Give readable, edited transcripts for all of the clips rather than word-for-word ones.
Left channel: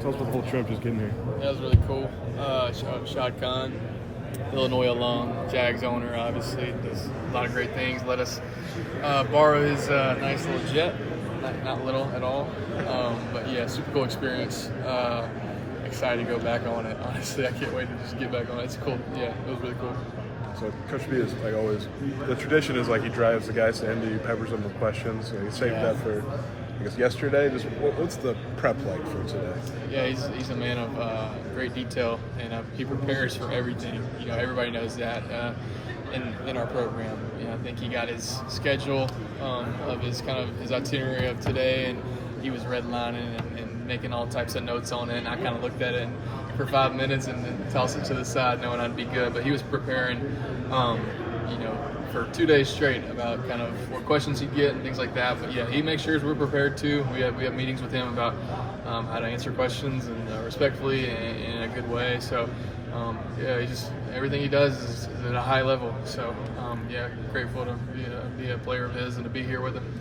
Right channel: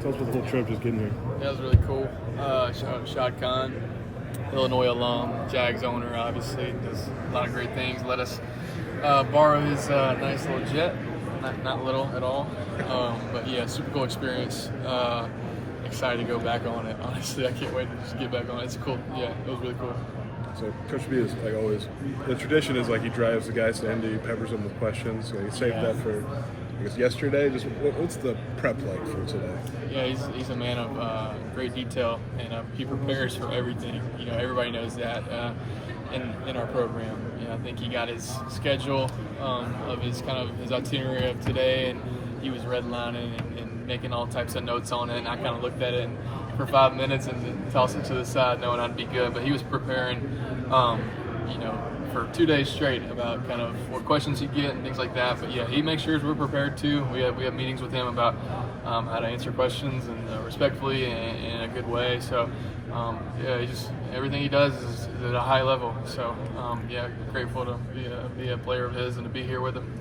Tell us about the whole trip just getting here. That was really cool. Shad Khan, Illinois alum, Jags owner, obviously, does a lot of great things. Let us borrow his nice little jet. Not little at all. But yeah, super cool experience. Excited to go back on it. Honestly, I can't wait to just get back on it. It's cool. Yeah, it was really cool. So Coach B is like always. The tradition is like he drives the guys to Indy, peppers them with questions. Like saved that for I guess yesterday. Just what's the prep like for today? Yeah, he's a man of great detail, and he prepares for everything. You know, everybody knows that in our program. You know, I think he got his schedule of his itinerary of today, and he was redlining and making all types of notes on it. And I kind of looked at it for 5 minutes and then tossed it to the side, knowing I'd be good. But he was preparing, for 2 days straight about kind of what questions he'd get and things like that. But yeah, he makes sure we're prepared too. We have meetings with him about how to answer questions and respectfully and in a good way. So he just everything he does is at a high level. So grateful to be a player of his and to be here with him.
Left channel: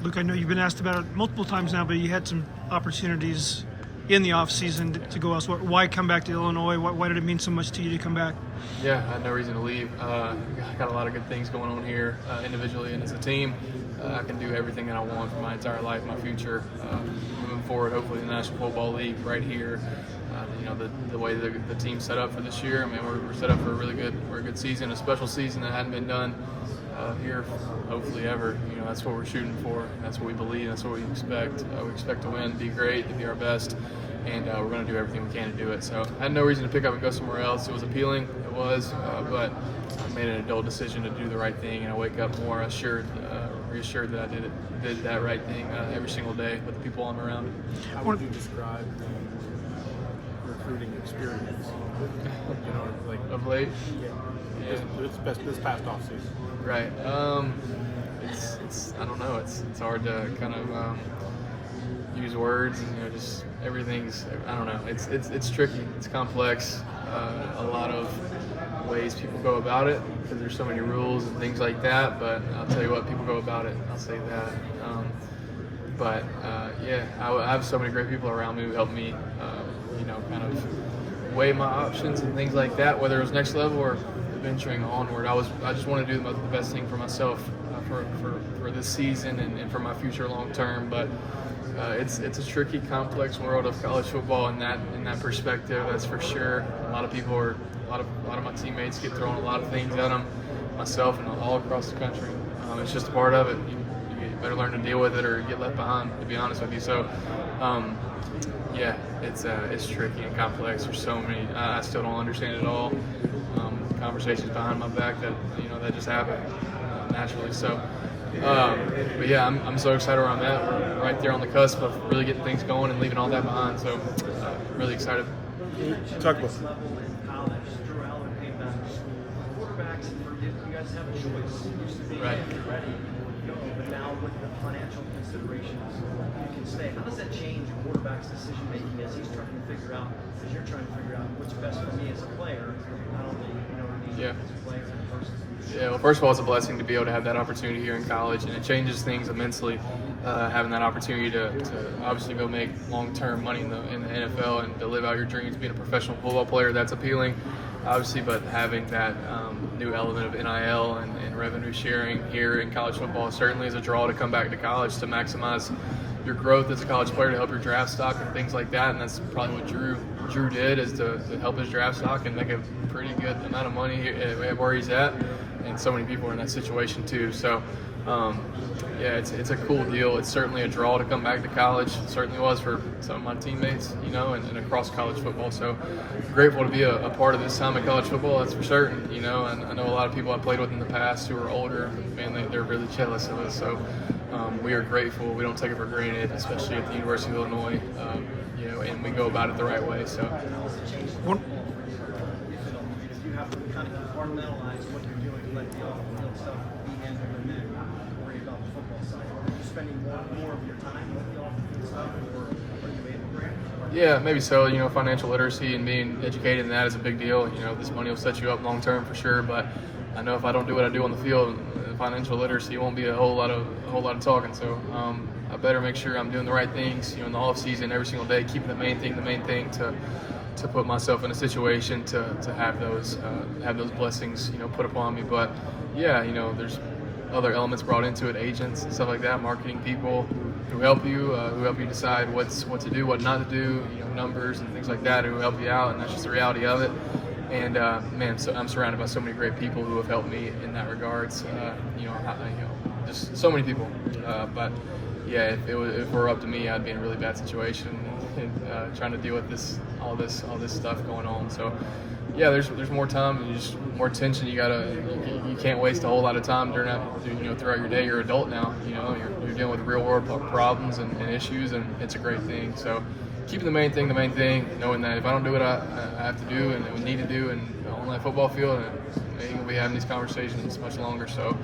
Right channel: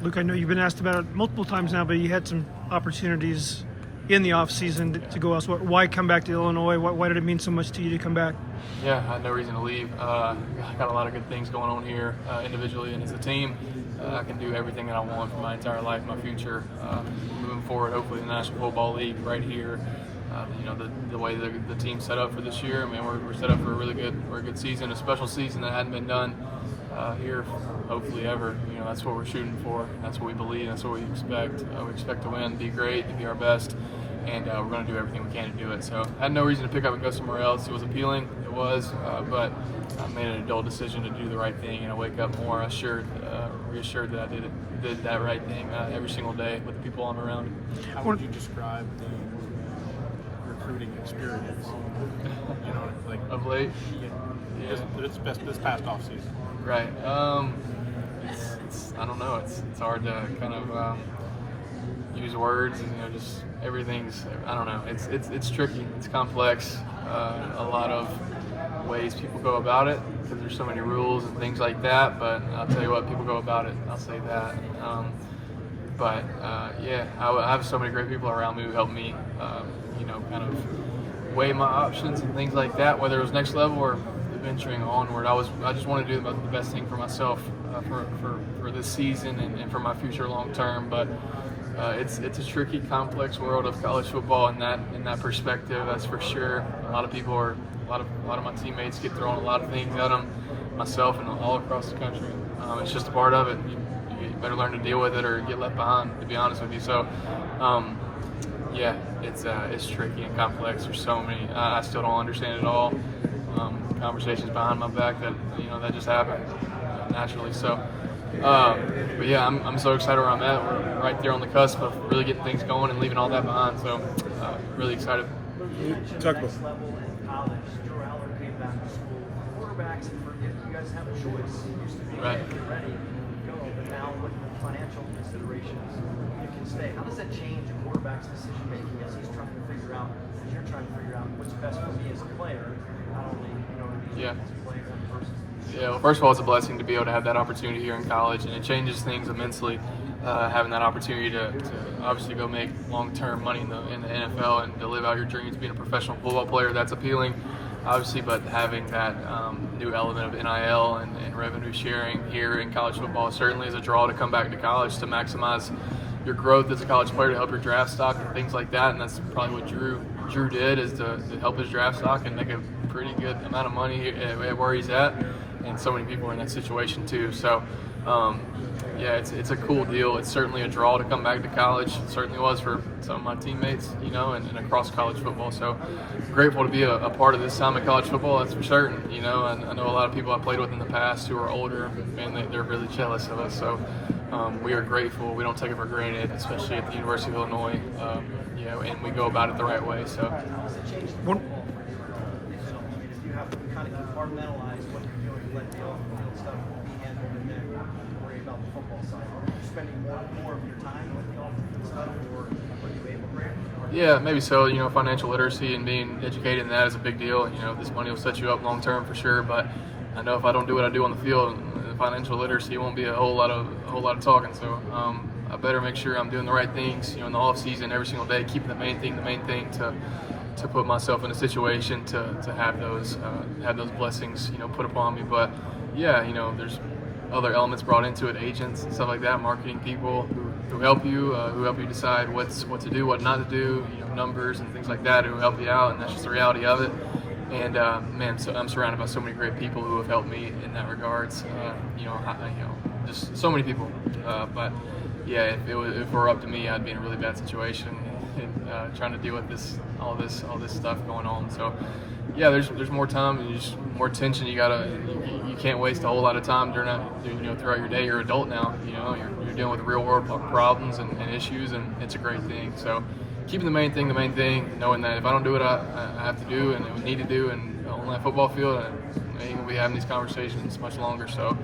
Luke, I know you've been asked about it multiple times now, but you had some opportunities in the offseason to go elsewhere. Why come back to Illinois? Why did it mean so much to you to come back? Yeah, I had no reason to leave. I got a lot of good things going on here individually and as a team. I can do everything that I want for my entire life, my future, moving forward, hopefully the National Football League right here. The way the team's set up for this year, I mean, we're set up for a really good season, a special season that hadn't been done here hopefully ever. You know, that's what we're shooting for. That's what we believe. That's what we expect. We expect to win, be great, to be our best, and we're going to do everything we can to do it. So I had no reason to pick up and go somewhere else. It was appealing. It was, but I made an adult decision to do the right thing, and I wake up more reassured that I did that right thing every single day with the people I'm around. How would you describe the recruiting experience? Of late? Yeah. This past offseason. Right. It's I don't know. It's hard to kind of use words, and just everything's, I don't know. It's tricky. It's complex. A lot of ways people go about it because there's so many rules and things like that. But I'll tell you what, people go about it. I'll say that. I have so many great people around me who help me, kind of weigh my options and things like that, whether it was next level or venturing onward. I just want to do the best thing for myself for this season and for my future long term. But it's a tricky, complex world of college football in that perspective. That's for sure. A lot of my teammates get thrown a lot of things at them, myself and all across the country. It's just a part of it. You better learn to deal with it or get left behind, to be honest with you. So it's tricky and complex. There's so many. I still don't understand it all. Conversations behind my back that just happen naturally. So, I'm so excited where I'm at. We're right there on the cusp of really getting things going and leaving all that behind. So, really excited. Talk about. Right. Yeah. Well, first of all, it's a blessing to be able to have that opportunity here in college, and it changes things immensely. Having that opportunity to obviously go make long-term money in the NFL and to live out your dreams, being a professional football player, that's appealing, obviously. But having that new element of NIL and revenue sharing here in college football certainly is a draw to come back to college to maximize your growth as a college player, to help your draft stock and things like that. And that's probably what Drew did, is to help his draft stock and make a pretty good amount of money where he's at. And so many people are in that situation too. So, it's a cool deal. It's certainly a draw to come back to college. It certainly was for some of my teammates, and across college football. So grateful to be a part of this time in college football, that's for certain. And I know a lot of people I played with in the past who are older, man, they're really jealous of us. So we are grateful. We don't take it for granted, especially at the University of Illinois, and we go about it the right way. So. Yeah, maybe so. Financial literacy and being educated in that is a big deal. This money will set you up long term for sure. But I know if I don't do what I do on the field, financial literacy won't be a whole lot of talking. So better make sure I'm doing the right things, in the off season, every single day, keeping the main thing to put myself in a situation to have those blessings, put upon me. But yeah, there's other elements brought into it, agents and stuff like that, marketing people who help you decide what to do, what not to do, numbers and things like that who help you out, and that's just the reality of it. And so I'm surrounded by so many great people who have helped me in that regards. Just so many people. But yeah, if it were up to me, I'd be in a really bad situation and trying to deal with all this stuff going on. So yeah, there's more time, there's more attention. You can't waste a whole lot of time throughout your day. You're an adult now. You're dealing with real world problems and issues, and it's a great thing. So keeping the main thing, knowing that if I don't do what I have to do and I need to do, and on that football field, I ain't gonna be having these conversations much longer. So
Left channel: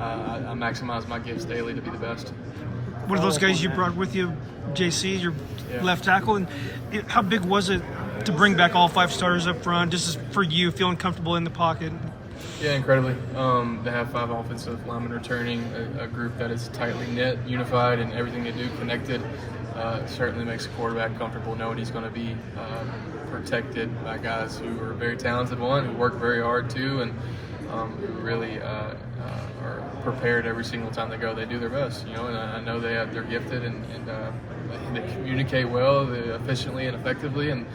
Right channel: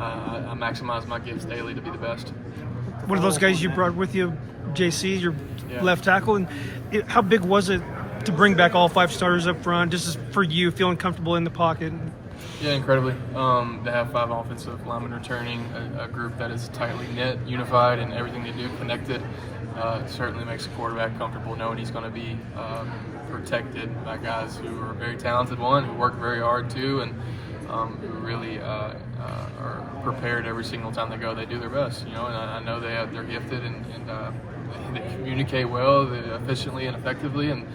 I maximize my gifts daily to be the best. One of those guys you brought with you, JC, your left tackle, and how big was it to bring back all 5 starters up front, just for you feeling comfortable in the pocket? Yeah, incredibly. They have 5 offensive linemen returning, a group that is tightly knit, unified, and everything they do connected. Certainly makes a quarterback comfortable knowing he's going to be protected by guys who are very talented, who work very hard too, and who really are prepared every single time they go. They do their best, and I know they're gifted and they communicate well, efficiently and effectively, and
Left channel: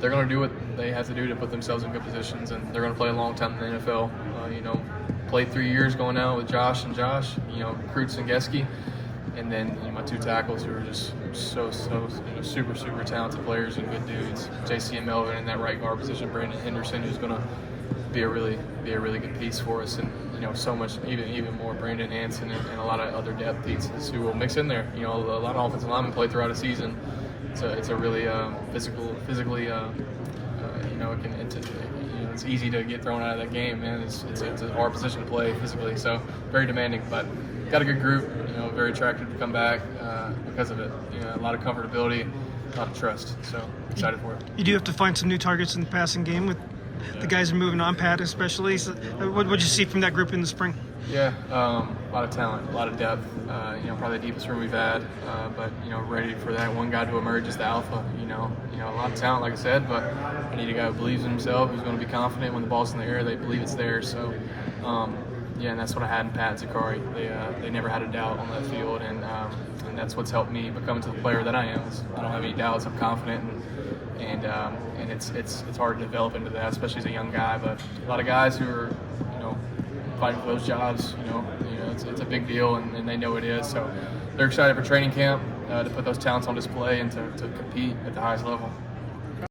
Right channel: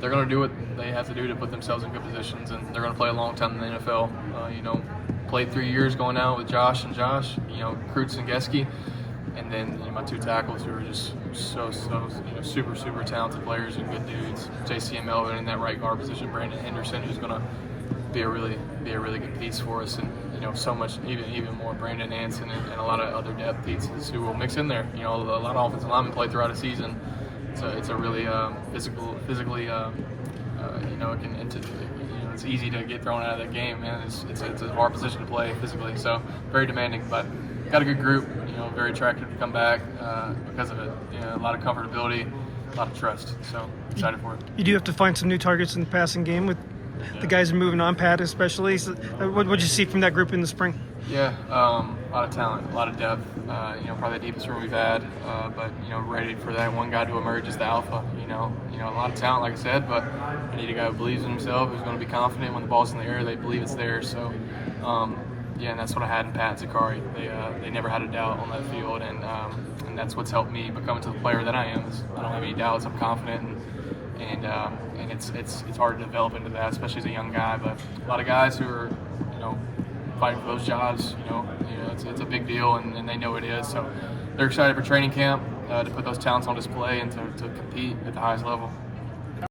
they're going to do what they have to do to put themselves in good positions, and they're going to play a long time in the NFL. Played 3 years going out with Josh, Kreutz and Geske. And then my 2 tackles who are just so super talented players and good dudes. JC and Melvin in that right guard position. Brandon Henderson, who's going to be a really good piece for us, and so much even more Brandon Anson and a lot of other depth pieces who will mix in there. A lot of offensive linemen play throughout a season. It's a really physically it's easy to get thrown out of that game, and it's a hard position to play physically. So very demanding, but got a good group. Very attracted to come back because of it. A lot of comfortability, a lot of trust. So excited for it. You do have to find some new targets in the passing game with the guys moving on, Pat especially. So what did you see from that group in the spring? Yeah, a lot of talent, a lot of depth. Probably the deepest room we've had. But ready for that one guy to emerge as the alpha. A lot of talent, like I said, but I need a guy who believes in himself, who's going to be confident when the ball's in the air. They believe it's there. So. And that's what I had in Pat Zakari. They never had a doubt on that field, and that's what's helped me become to the player that I am. I don't have any doubts. I'm confident, and it's hard to develop into that, especially as a young guy. But a lot of guys who are fighting for those jobs, it's a big deal, and they know it is. So they're excited for training camp to put those talents on display and to compete at the highest level.